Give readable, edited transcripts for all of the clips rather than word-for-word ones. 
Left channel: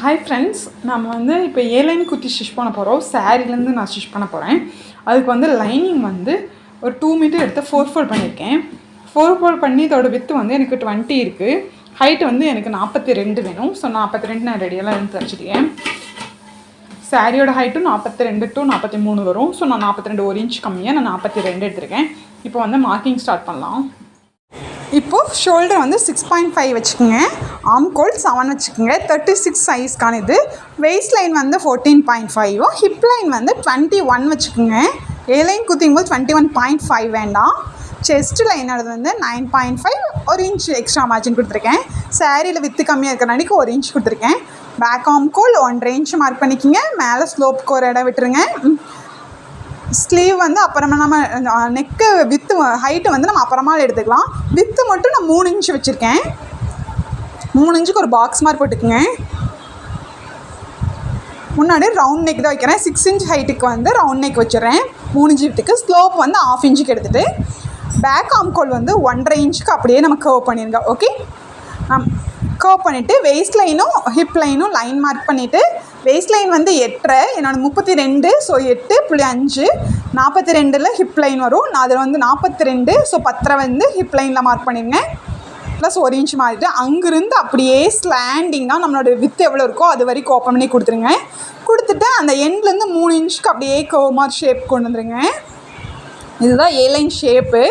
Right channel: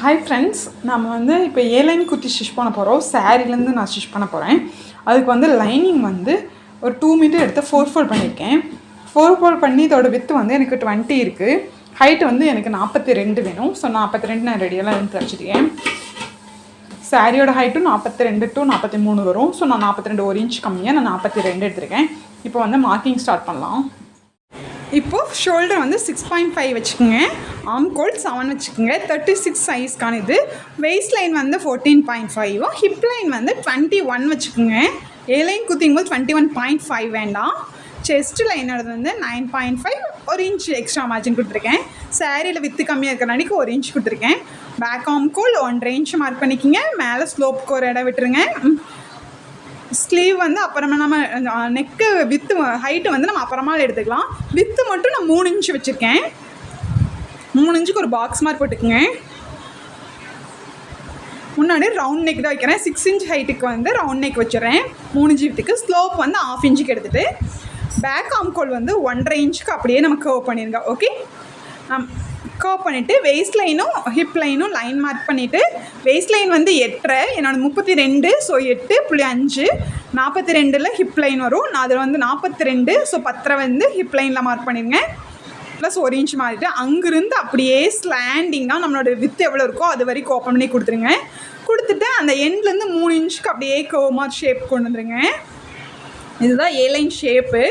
Hi friends, நம்ம வந்து இப்போ ஏலைன் குத்தி ஸ்டிச் பண்ண போகிறோம். சாரீலேருந்து நான் ஸ்டிச் பண்ண போகிறேன். அதுக்கு வந்து லைனிங் வந்து ஒரு 2 மீட்டர் எடுத்து 4 ஃபோல்ட் பண்ணியிருக்கேன். 4 ஃபோல்ட் பண்ணி இதோட வித்து வந்து எனக்கு 20 இருக்குது. ஹைட்டு வந்து எனக்கு 42 வேணும். ஸோ 42 நான் ரெடியெல்லாம் எடுத்து வச்சுருக்கேன். சாரியோட ஹைட்டும் 42 to 43 வரும். ஸோ நான் 42 1 இன்ச் கம்மியாக நான் 42 எடுத்திருக்கேன். இப்போ வந்து மார்க்கிங் ஸ்டார்ட் பண்ணலாம். இப்போது ஷோல்டர் வந்து 6.5 வச்சுக்கோங்க, ஆர்ம் கோல் 7 வச்சுக்கோங்க, 36 சைஸ்க்கான இது. வெயிஸ்ட் லைன் வந்து 14.5, ஹிப் லைன் வந்து 21 வச்சுக்கோங்க. ஏ லைன் குத்திங்கும் போது 21.5 வேண்டாம். செஸ்ட் லைனோட வந்து 9.5, 1 இன்ச் எக்ஸ்ட்ரா மார்ஜின் கொடுத்துருக்கேன். சாரியில் வித்து கம்மியாக இருக்கிறனாடிக்கு 1 இன்ச் கொடுத்துருக்கேன். பேக் ஆர்ம் கோல் 1.5 இன்ச் மார்க் பண்ணிக்கோங்க. மேலே ஸ்லோப்புக்கு ஒரு இடம் விட்டுருங்க. ஸ்லீவ் வந்து அப்புறமா நம்ம நெக்கு வித்து ஹைட்டு வந்து நம்ம அப்புறமா எடுத்துக்கலாம். வித்து மட்டும் நான் 3 இன்ச் வச்சுருக்கேன். 3 இன்ச்சுக்கு ஒரு பாக்ஸ் மார்க் போட்டுக்குங்க. முன்னாடி ரவுண்ட் நெக் தான் வைக்கிறேன். 6 இன்ச் ஹைட்டுக்கு வந்து ரவுண்ட் நெக் வச்சுறேன். 3 இன்ச்சு வித்துக்கு ஸ்லோப் வந்து 1/2 இன்ச்சுக்கு எடுத்துகிட்டு பேக் ஆர்ம் கோல் வந்து 1.5 இன்ச்சுக்கு அப்படியே நம்ம கர்வ் பண்ணிடுங்க. ஓகே, கர்வ் பண்ணிவிட்டு வெயிஸ்ட் லைனும் ஹிப் லைனும் லைன் மார்க் பண்ணிவிட்டு வெயிஸ்ட் லைன் வந்து 8.5, என்னோடய 32, ஸோ 8.5, 42 ஹிப் லைன் வரும். நான் அதில் வந்து 42, ஸோ 10 வந்து ஹிப் லைனில் மார்க் பண்ணிடுங்க. ப்ளஸ் 1 இன்ச் மாறிட்டு அங்கேருந்து அப்படியே ஸ்லாண்டிங்காக நம்மளோட வித்து எவ்வளோ இருக்கோ அது வரைக்கும் ஓப்பன் பண்ணி கொடுத்துருங்க. கொடுத்துட்டு அந்த எண்ட்லேருந்து 3 இன்ச்சுக்கு அப்படியே கர்வ் மாதிரி ஷேப் கொண்டு வந்துடுங்க. இதுதான் ஏ லைன் ஷேப்பு.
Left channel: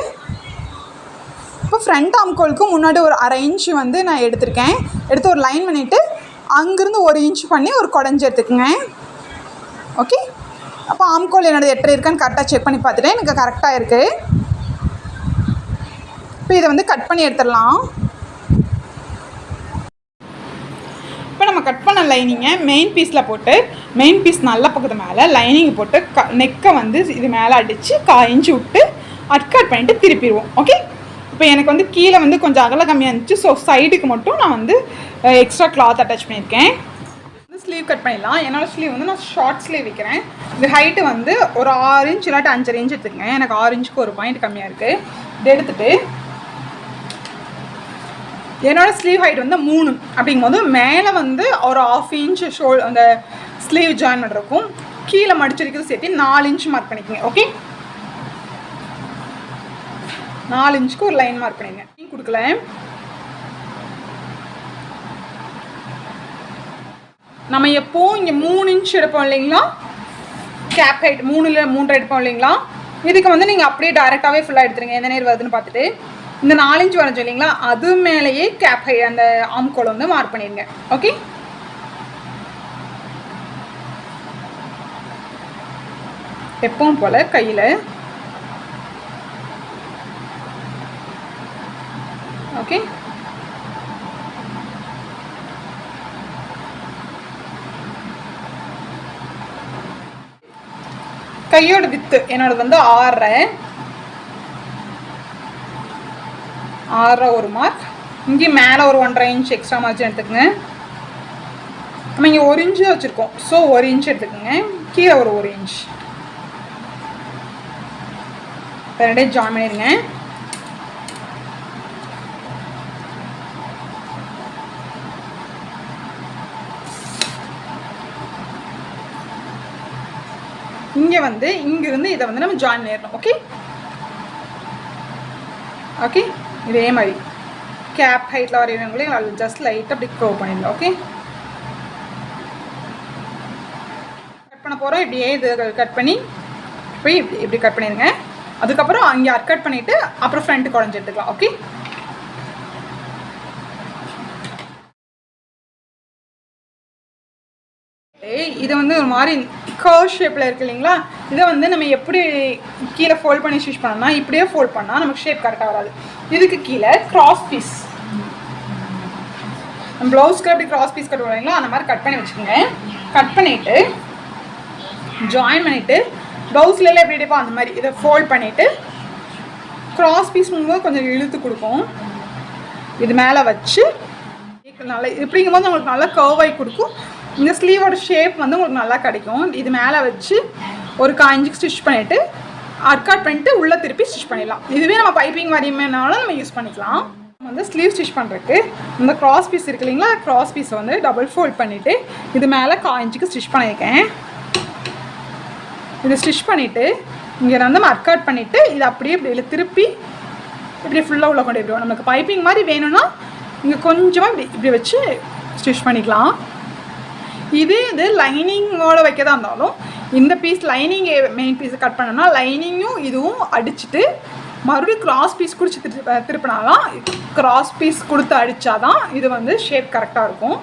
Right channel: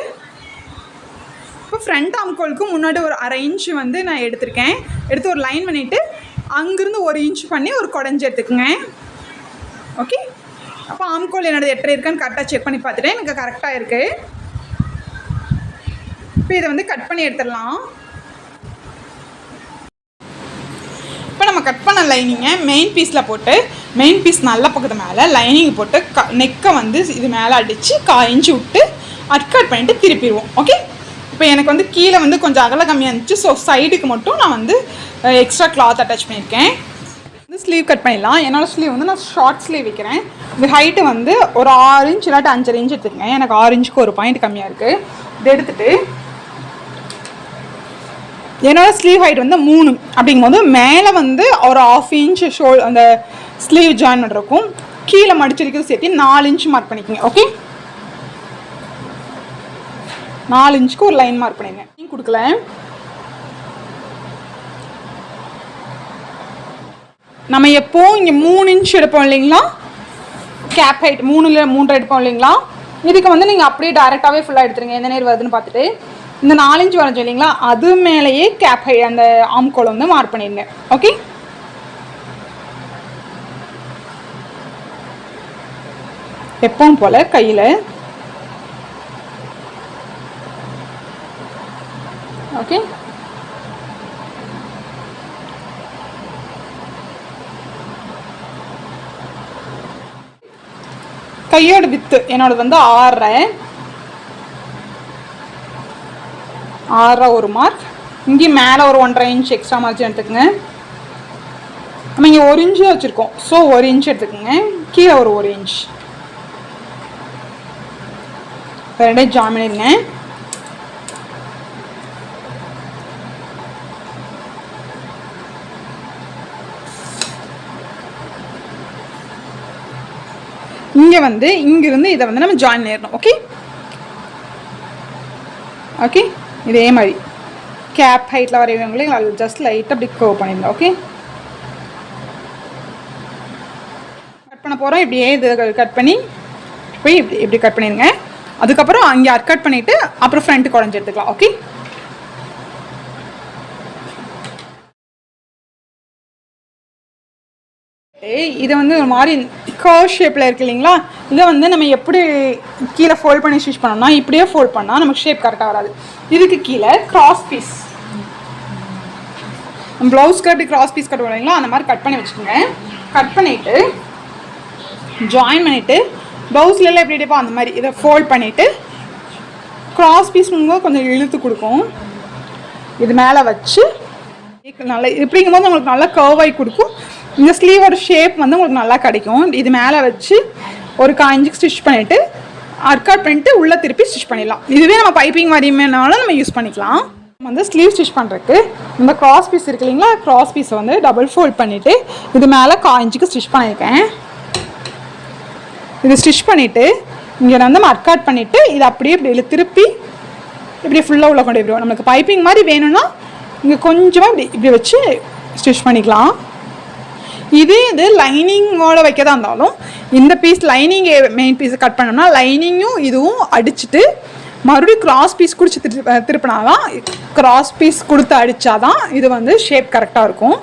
இப்போ ஃப்ரண்ட் ஆர்ம் கோலுக்கு முன்னாடி ஒரு 1/2 இன்ச்சு வந்து நான் எடுத்திருக்கேன். எடுத்து ஒரு லைன் பண்ணிவிட்டு அங்கேருந்து 1 இன்ச் பண்ணி ஒரு குடஞ்சி எடுத்துக்கோங்க. ஓகே, அப்போ ஆர்ம் கோல் என்னோடய 8.5 இருக்கான்னு கரெக்டாக செக் பண்ணி பார்த்துட்டேன். எனக்கு கரெக்டாக இருக்குது. இப்போ இதை வந்து கட் பண்ணி எடுத்துடலாம். இப்போ நம்ம கட் பண்ண லைனிங்கை மெயின் பீஸில் போட்டு மெயின் பீஸ் நல்ல பக்கத்து மேலே லைனிங் போட்டு நெக்கை வந்து இது மேலே அடித்து 1/4 இன்ச்சு விட்டு கட் பண்ணிவிட்டு திருப்பிடுவோம். ஓகே, இப்போ எனக்கு வந்து கீழே வந்து கொஞ்சம் அகல கம்மியாக இருந்துச்சு. ஸோ சைடுக்கு மட்டும் நான் வந்து எக்ஸ்ட்ரா கிளாத் அட்டாச் பண்ணியிருக்கேன். வந்து ஸ்லீவ் கட் பண்ணிடலாம். என்னோடய ஸ்லீவ் வந்து நான் ஷார்ட் ஸ்லீவ் வைக்கிறேன். இது ஹைட்டு வந்து ஒரு 6 இன்ச் இல்லாட்டி 5.5 இன்ச் எடுத்துக்கங்க. எனக்கு 6 இன்ச்சுக்கு ஒரு பாயிண்ட் கம்மியாக இருக்குது. இது எடுத்துகிட்டு என்னோடய ஸ்லீவ் ஹைட் வந்து 3 அப்படிங்கும்போது மேலே வந்து ஒரு 1/2 இன்ச் அந்த ஸ்லீவ் ஜாயின் பண்ணுறக்கும் கீழே மடிச்சிருக்கிறது சேர்த்து 4 இன்ச் மார்க் பண்ணிக்கோங்க. ஓகே, 4 இன்ச்சுக்கு ஒரு லைன் மார்க் பண்ணிங்க. நீங்கள் கொடுக்கல. நம்ம எப்போவும் இங்கே 3 இன்ச் எடுப்போம் இல்லைங்களா, கேப் ஹைட் 3 எடுப்போம் இல்லைங்களா. இதுக்கு வந்து நீங்கள் அப்படியே டைரெக்டாகவே ஃபுல்லாக எடுத்துருங்க. எந்த நேரம் வருதுன்னு பார்த்துட்டு இந்த 4 இன்ச் வரைஞ்சோம் இல்லைங்களா, அது மேலேயே கேப் ஹைட் அந்த ஆர்ம் கோல் வந்து மார்க் பண்ணிடுங்க. ஓகே, எப்பவும் போல் கையில். ஓகே, கையோட வித்து என்னோடது வந்து 6.5 ஒரு மார்க். இங்கே மேலே ஒரு 1.5 இன்ச் எக்ஸ்ட்ரா மார்ஜின் எடுத்துக்கோங்க. நம்ம இங்கே 1 இன்ச்சு வச்சுருக்கோம். ஸோ 1 இன்ச் எடுத்துக்கோங்க. கீழே ஒரு 1 இன்ச் ரெண்டே ஜாயின் பண்ணிடுங்க. இங்கே வந்து இங்கிருந்து இதை வந்து நம்ம ஜாயின் பண்ணிடணும். ஓகே ஓகே, இதே மாதிரி கேப் ஹைட்டில் வரைவங்களே ஜஸ்ட் லைட்டாக அப்படி கர்வ் பண்ணிடலாம். ஓகே, கட் பண்ண போகிறோம். இப்படியே இது கட் பண்ணி போய் இப்படி கட் பண்ணிடுங்க. அதுக்கப்புறம் அங்கே கட் பண்ணிவிட்டு அப்புறம் ஃப்ரண்ட்டு குறைஞ்சி எடுத்துக்கலாம். ஓகே, இதை வந்து ஒரு மாதிரி கர்வ் ஷேப்பில் இருக்குது இல்லைங்களா, இதை வந்து நம்ம எப்படி கீழே ஃபோல்ட் பண்ணி ஸ்டிச் பண்ணோம்னா இப்படியே ஃபோல்ட் பண்ணால் நமக்கு ஷேப் கரெக்டாக வராது. இதுக்கு கீழே கிராஸ் பீஸ், ப்ளவுஸ்க்கு அப்படி கிராஸ் பீஸ் கட் பண்ணுவீங்களா, அந்த மாதிரி கட் பண்ணி வச்சுக்கோங்க. கட் பண்ணிவிட்டு ஜாயின் பண்ணிவிட்டு ப்ளவுஸ்லாம் எப்படி எடுப்போம் அந்த மாதிரி இதை ஃபோல்ட் பண்ணிவிட்டு கிராஸ் பீஸ் கொஞ்சம் இழுத்து கொடுக்கும். இது மேலே வச்சு நல்லா இப்படிங்கும்போது உங்களுக்கு நல்லா கர்வாகி கொடுக்கும். இந்த ஸ்லீவோட ஷேப் வந்து உங்களுக்கு நல்லா கிடைக்கும். இது மேலே வச்சு ஒரு 1/4 இன்ச்சுக்கு ஸ்டிச் பண்ணிவிட்டு கட் பண்ணிவிட்டு உள்ளே திருப்பி ஸ்டிச் பண்ணிடலாம். இதுவே நம்ம பைப்பிங் மாதிரினாலும் நம்ம யூஸ் பண்ணிக்கலாம். வந்து ஸ்லீவ் ஸ்டிச் பண்ணுறதுக்கு இந்த கிராஸ் பீஸ் இருக்கு இல்லைங்களா, கிராஸ் பீஸை வந்து டபுள் ஃபோல்ட் பண்ணிவிட்டு இது மேலே 1/4 இன்ச்சுக்கு ஸ்டிச் பண்ணியிருக்கேன். இது ஸ்டிச் பண்ணிவிட்டு இங்கே வந்து மர்க்காட் பண்ணிவிட்டு இது அப்படியே இப்படி திருப்பி இப்படி ஃபுல்லாக உள்ள கொண்டு போயிடுவோம். நமக்கு பைப்பிங் மாதிரி வேணும்னா இங்கே கொஞ்சமாக இப்படி இப்படி வச்சு ஸ்டிச் பண்ணிக்கலாம். இது லைனிங்கோட வைக்கதா இருந்தாலும் இந்த பீஸ் லைனிங் மெயின் பீஸை கட் பண்ணோம்னா லைனிங்கும் இதுவும் அடிச்சுட்டு மறுபடியும் கிராஸ் பீஸ் குடிச்சு திருப்பினாதான், கிராஸ் பீஸ் கொடுத்து அடித்தாதான் இது வந்து ஷேப் கரெக்டாக இருக்கும்.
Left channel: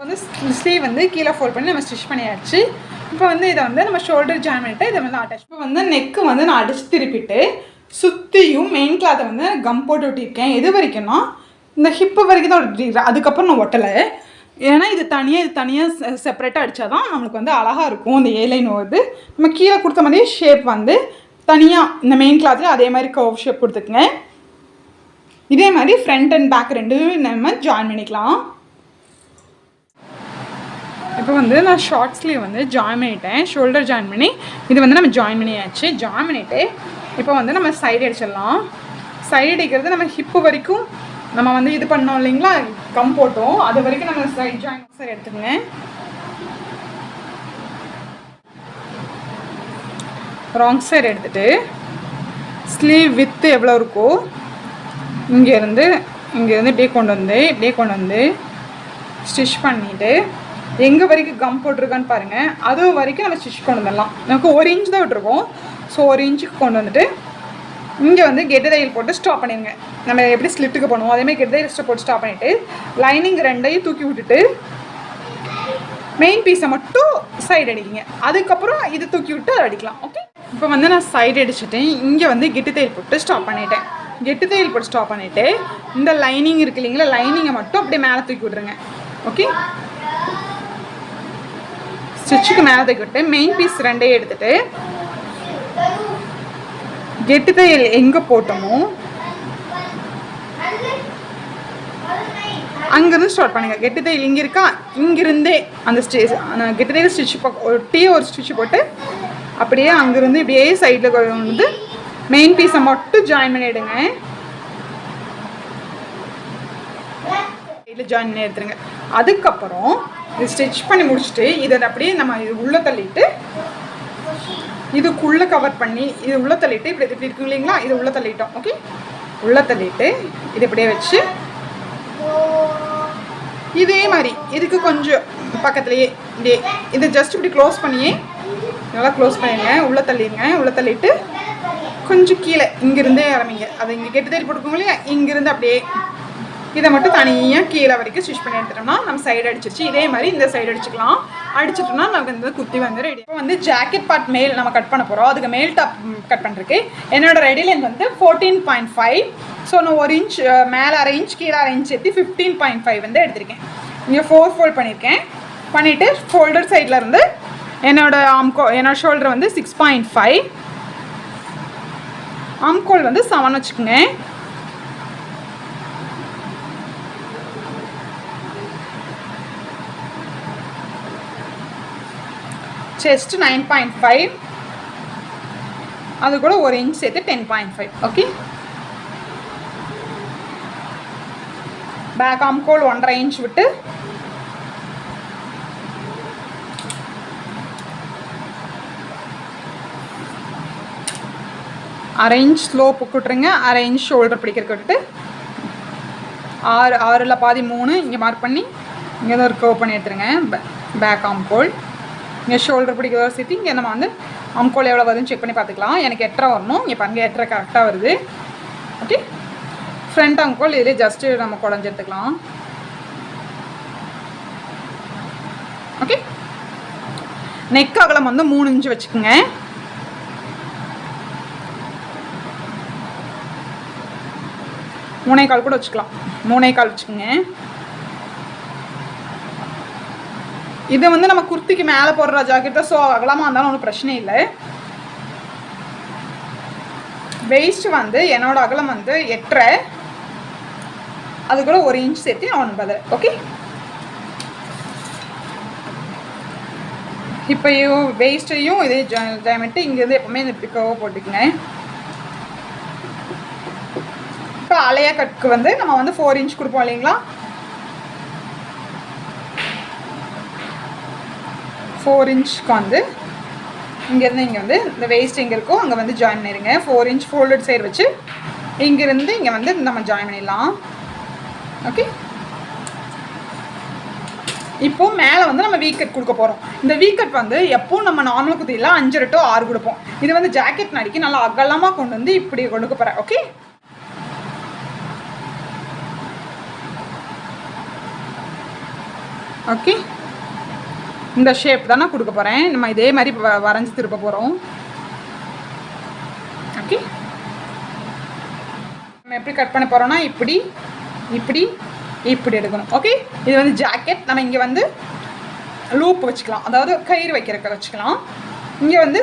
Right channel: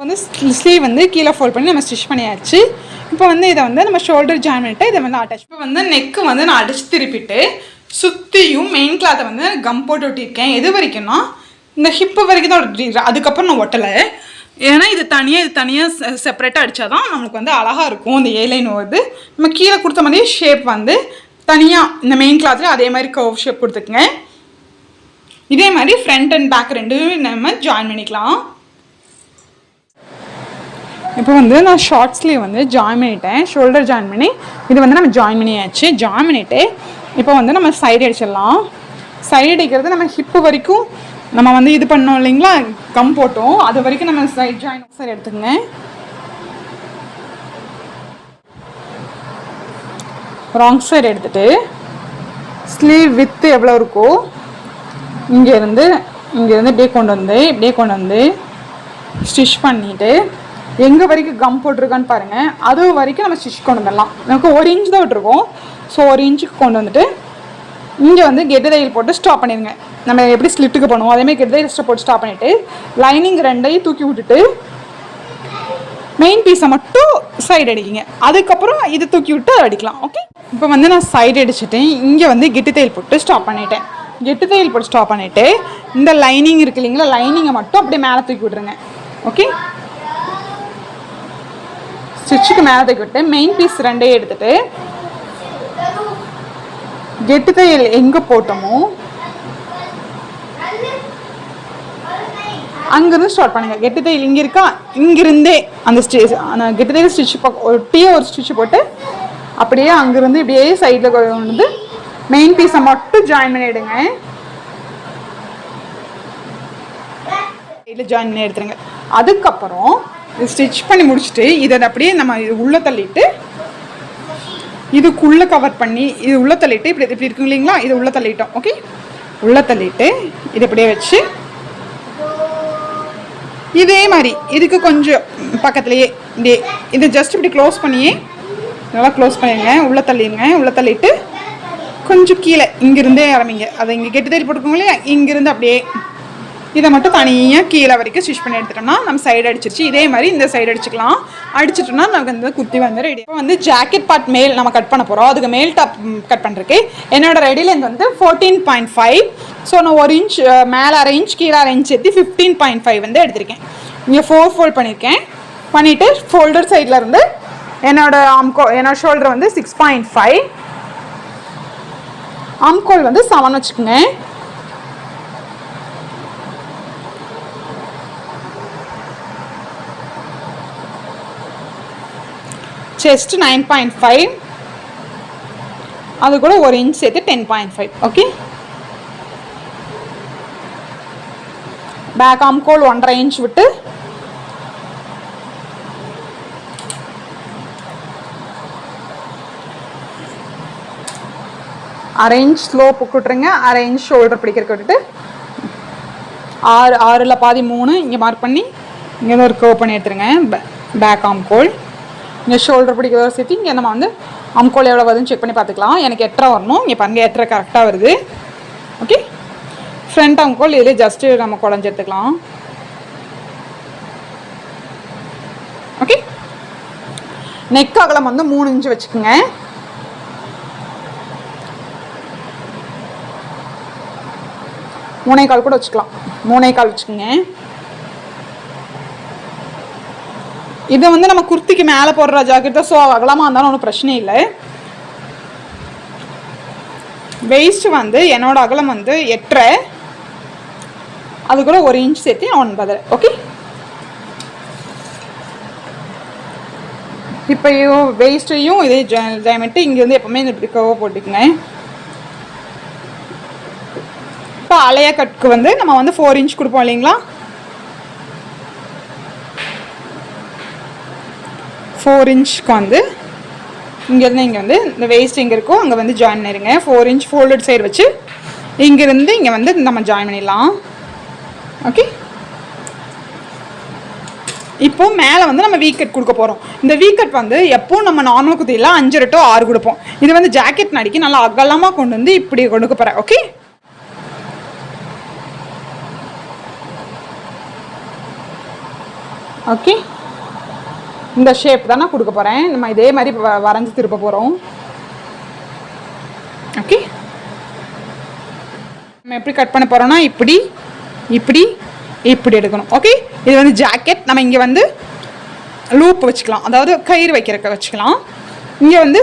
வந்து ஸ்லீவ் வந்து கீழே ஃபோல்ட் பண்ணி நம்ம ஸ்டிச் பண்ணியாச்சு. இப்போ வந்து இதை வந்து நம்ம ஷோல்டர் ஜாயின் பண்ணிட்டு இதை வந்து அட்டாச். இப்போ வந்து நெக்கு வந்து நான் அடிச்சு திருப்பிட்டு சுற்றியும் மெயின் கிளாத்தை வந்து கம் போட்டு ஒட்டியிருக்கேன். எது வரைக்கும்னா இந்த ஹிப்பு வரைக்கும் தான் ஒட்டிருக்கேன். அதுக்கப்புறம் நான் ஒட்டலை. ஏன்னா இது தனியாக செப்பரேட்டாக அடித்தா தான் நம்மளுக்கு வந்து அழகாக இருக்கும். இந்த ஏலைன் வருது நம்ம கீழே கொடுத்த மாதிரியே ஷேப் வந்து தனியாக இந்த மெயின் கிளாத்தில் அதே மாதிரி கர்வ் ஷேப் கொடுத்துக்குங்க. இதே மாதிரி ஃப்ரண்ட் அண்ட் பேக் ரெண்டுமே நம்ம ஜாயின் பண்ணிக்கலாம். இப்போ வந்து நான் ஷார்ட் ஸ்லீவ் வந்து ஜாயின் பண்ணிட்டேன். ஷோல்டர் ஜாயின் பண்ணி இது வந்து நம்ம ஜாயின் பண்ணியாச்சு. ஜாயின் பண்ணிவிட்டு இப்போ வந்து நம்ம சைடு அடிச்சிடலாம். சைடு அடிக்கிறது நம்ம ஹிப்பு வரைக்கும் நம்ம வந்து இது பண்ணோம் இல்லைங்களா, கம் போட்டோம், அது வரைக்கும் நம்ம சைட் ஜாயின் சைடு எடுத்துக்கங்க. ராங் சைடு எடுத்துகிட்டு ஸ்லீவ் வித்து எவ்வளோ இருக்கோ இங்கேருந்து இப்படியே கொண்டு வந்து ஸ்டிச் பண்ணிவிட்டு எங்கே வரைக்கும் கம் போட்டிருக்கான்னு பாருங்கள், அது வரைக்கும் நம்ம ஸ்டிச் கொண்டு வந்துடலாம். நமக்கு 1 இன்ச் தான் விட்டுருக்கோம். ஸோ 1 இன்ச்சுக்கு கொண்டு வந்துட்டு இங்கே வந்து கெட்டு தையல் போட்டு ஸ்டாப் பண்ணிடுங்க. நம்ம எப்படி ஸ்லிட்டுக்கு பண்ணுவோம் அதேமாதிரி கெட்டு தையல் போட்டு ஸ்டாப் பண்ணிவிட்டு லைனிங் ரெண்டையும் தூக்கி விட்டுட்டு மெயின் பீஸை மட்டும் சைடு அடிக்கிங்க. அதுக்கப்புறம் இது தூக்கி விட்டு அடிக்கலாம். ஓகே, இப்போ வந்து நான் சைடு அடிச்சுட்டேன். இங்கே வந்து கெட்டு தையல் போட்டு ஸ்டாப் பண்ணிட்டேன். கெட்டு தையல் போட்டு ஸ்டாப் பண்ணிவிட்டு இந்த லைனிங் இருக்குது இல்லைங்களா, லைனிங்கை மட்டும் அப்படியே மேலே தூக்கி விட்ருங்க. ஓகே, ஸ்டிச்சுக்கு மேலே தூக்கி விட்டு மெயின் பீஸ் ரெண்டையும் எடுத்துகிட்டு கெட்டு தையல் எங்கே போட்டோமோ அங்கேருந்து ஸ்டார்ட் பண்ணுங்கள். கெட்டு தையல் இங்கே இருக்கா, இங்கிருந்தே அந்த கெட்டு தையல் ஸ்டிச் ஒட்டியே ஒரு ஸ்டிச் போட்டு அப்படியே அங்கேருந்து இப்படியே சைடில் வந்து மெயின் பீஸை மட்டும் ஜாயின் பண்ணிவிடுங்க. இதில் ஜாயின் பண்ணி எடுத்துருங்க. அதுக்கப்புறம் இது ஸ்டிச் பண்ணி முடிச்சுட்டு இதை அப்படியே நம்ம இது உள்ளே தள்ளிட்டு இதுக்குள்ளே கவர் பண்ணி இது உள்ளே தள்ளிட்டு இப்படி இருக்கும் இல்லைங்களா, இது உள்ளே தள்ளிட்டோம். ஓகே, உள்ளே தள்ளிட்டு இது இப்படியே வச்சு இதே மாதிரி இதுக்கு கொஞ்சம் பக்கத்துலேயே இப்படியே இதை ஜஸ்ட் இப்படி க்ளோஸ் பண்ணியே நல்லா க்ளோஸ் பண்ணிடுங்க. உள்ளே தள்ளிடுங்க. உள்ளே தள்ளிட்டு கொஞ்சம் கீழே இங்கிருந்தே இறமிங்க. அதை இங்கே கெட்டு தையல் போட்டுக்கோங்க இல்லையா, இங்கிருந்து அப்படியே இதை மட்டும் தனியாக கீழே வரைக்கும் ஸ்டிச் பண்ணி எடுத்துட்டோம்னா நம்ம சைடு அடிச்சிருச்சு. இதே மாதிரி இந்த சைடு அடிச்சுக்கலாம். அடிச்சிட்டோம்னா நமக்கு வந்து குர்த்தி வந்து ரெடி. இப்போ வந்து ஜாக்கெட் பார்ட் மேல் நம்ம கட் பண்ண போகிறோம். அதுக்கு மேல் டாப் கட் பண்ணுறதுக்கு என்னோட ரெடி லென்த் வந்து 14.5. ஸோ நான் 1 இன்ச் மேலே 1/2 இன்ச் கீழே 1/2 இன்ச் சேர்த்து 15.5 வந்து எடுத்திருக்கேன். இங்கே 4 ஃபோல்ட் பண்ணியிருக்கேன். பண்ணிவிட்டு ஷோல்டர் சைடில் இருந்து என்னோட ஷோல்டர் வந்து 6.5, ஆம்கோல் வந்து 7 வச்சுக்கோங்க. செஸ்ட் 9.5, அது கூட 1 இன்ச் சேர்த்து 10.5. ஓகே, பேக் ஆம்கோல் 1.5 இன்ச் விட்டு அரை இன்ச் ஸ்லோப் விட்டுருங்க. 1/2 இன்ச் ஷோல்டர் பிடிக்கிறதுக்கு விட்டுட்டு 6 பாதி 3 இங்கே மார்க் பண்ணி இங்கே தான் ஒரு கர்வ் பண்ணி எடுத்துருங்க. பேக் ஆம்கோல் இங்கே ஷோல்டர் பிடிக்கிறதோட சேர்த்து இங்கே நம்ம வந்து ஆம்கோல் எவ்வளோ வருதுன்னு செக் பண்ணி பார்த்துக்கலாம். எனக்கு 8.5 வரணும். இங்கே பாருங்கள் 8.5 கரெக்டாக வருது. ஓகே, ஃப்ரண்ட் ஆம்கோல் இதில் ஜஸ்ட்டு நம்ம குழஞ்சி எடுத்துக்கலாம். ஓகே, நெக் அகலம் வந்து 3 இன்ச் வச்சுக்கோங்க. மூணே கால் கூட வச்சுக்கலாம். 3.25 வச்சுக்கோங்க. இது வந்து நம்ம குர்த்திக்கு மேலே போடுற ஜாக்கெட் தான். ஸோ அகலமாக இருந்தாலும் ஒன்றும் பிரச்சனை இல்லை. வெயிஸ்ட் வந்து என்னோட அகலம் வந்து 8.5, அது கூட 1 இன்ச் சேர்த்து 9. ஓகே, இப்போ வெயிஸ்ட்டையும் இதே ஜாயின்மெண்ட்டு இங்கேருந்து எப்போவுமே இந்த இப்படி கர்வ் போட்டுக்குங்க. இப்போ அலைய கட்டுக்கு வந்து நம்ம வந்து 4 இன்ச் கொடுப்போம் இல்லைங்களா, 4 இன்ச்சுக்கு வந்து இங்கேருந்து இங்கே வந்து இந்த வேஸ்ட் எங்கே இருக்கோ அங்கே வந்து ஜாயின் பண்ணிடுங்க. 4 இன்ச் ஃபோல்டட் சைடு வச்சு இங்கேருந்து இங்கே வந்து நம்ம ஜாயின் பண்ணிடலாம். ஓகே, இப்போ மேலே வந்து நம்ம வீ கட் கொடுக்க போகிறோம். இந்த வீ கட் வந்து எப்போவும் நம்ம நார்மல் குத்தியில் 5 to 6 கொடுப்போம். இது வந்து ஜாக்கெட் நடிக்க நல்லா அகலமாக கொண்டு வந்து இப்படி கொடுக்க போகிறேன். ஓகே, ஓகே, இந்த ஷேப் தான் நான் கொடுக்க போகிறேன். நம்ம இதே மாதிரி வரைஞ்சி திருப்ப போகிறோம். ஓகே, நம்ம எப்படி கட் பண்ண போகிறோம்னா இப்படி இப்படி இப்படி எடுக்கணும். ஓகே, இது வந்து ஜாக்கெட். நம்ம இங்கே வந்து லூப் வச்சுக்கலாம், அதாவது கயிறு வைக்கிறக்க வச்சுக்கலாம். இங்கே வந்து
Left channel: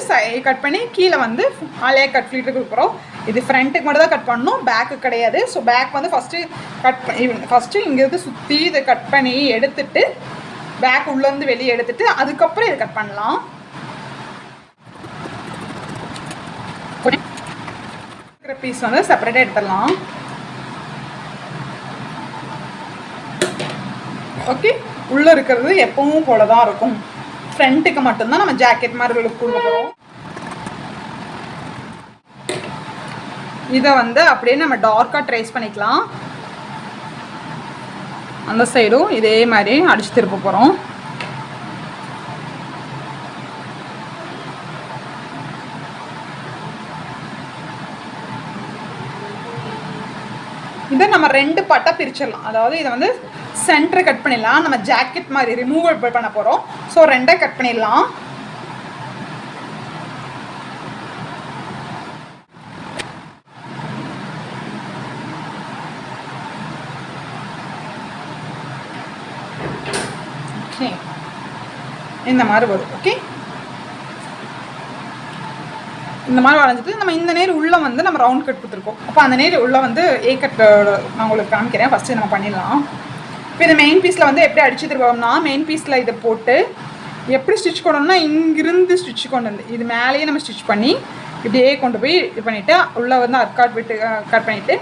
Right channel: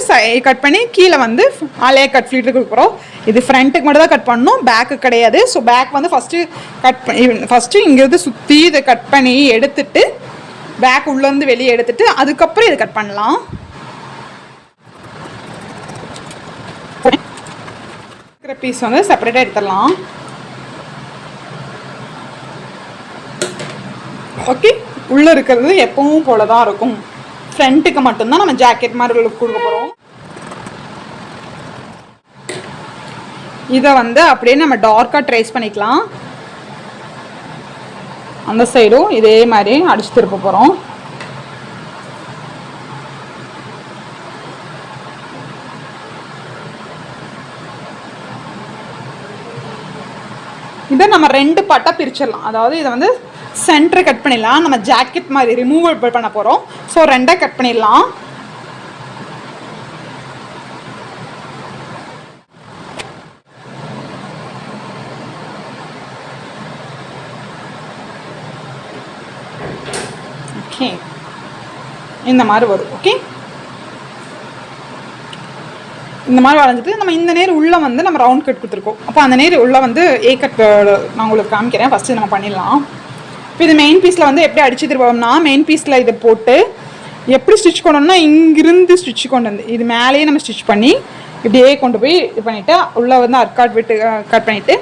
கட் பண்ணி கீழே வந்து அலைய கட் ஃப்ளீட்டு கொடுக்குறோம். இது ஃப்ரண்ட்டுக்கு மட்டும் தான் கட் பண்ணணும், பேக்கு கிடையாது. ஸோ பேக் வந்து ஃபஸ்ட்டு இங்கேருந்து சுற்றி இதை கட் பண்ணி எடுத்துட்டு பேக் உள்ளேருந்து வெளியே எடுத்துட்டு அதுக்கப்புறம் இதை கட் பண்ணலாம். பீஸ் வந்து செப்பரேட்டாக எடுத்துடலாம். ஓகே, உள்ளே இருக்கிறது எப்பவும் போல தான் இருக்கும். ஃப்ரண்ட்டுக்கு மட்டும்தான் நம்ம ஜாக்கெட் மாதிரி லுக் கொடுக்க போகிறோம். இதை வந்து அப்படியே நம்ம டார்க்காக ட்ரேஸ் பண்ணிக்கலாம். அந்த சைடும் இதே மாதிரி அடிச்சு திருப்ப போகிறோம். இதை நம்ம 2 பார்ட்டாக பிரிச்சிடலாம். அதாவது இதை வந்து சென்டர் கட் பண்ணிடலாம். நம்ம ஜாக்கெட் மாதிரி ரிமூவல் பண்ண போகிறோம். ஸோ 2 கட் பண்ணிடலாம். ஓகே, இந்த மாதிரி வரும். ஓகே, இந்த மாதிரி வரைஞ்சிட்டு நம்ம இந்த நேர் உள்ளே வந்து நம்ம ரவுண்ட் கட் கொடுத்துருக்கோம். அப்போ அந்த நேர் உள்ளே வந்து ஏ கட் நான் உங்களுக்கு காமிக்கிறேன். ஃபஸ்ட்டு நம்ம பண்ணிடலாம். இப்போ இது மெயின் பீஸில் வந்து எப்படி அடிச்சு திருப்போம்னா, மெயின் பீஸில் இதை போட்டு எப்படி ஸ்டிச் பண்ணணும்னா இங்கிருந்து ஸ்டிச் கொண்டு வந்து இது மேலேயே நம்ம ஸ்டிச் பண்ணி இப்படியே கொண்டு போய் இது பண்ணிவிட்டு உள்ளே வந்து அர்காட் விட்டு கட் பண்ணிவிட்டு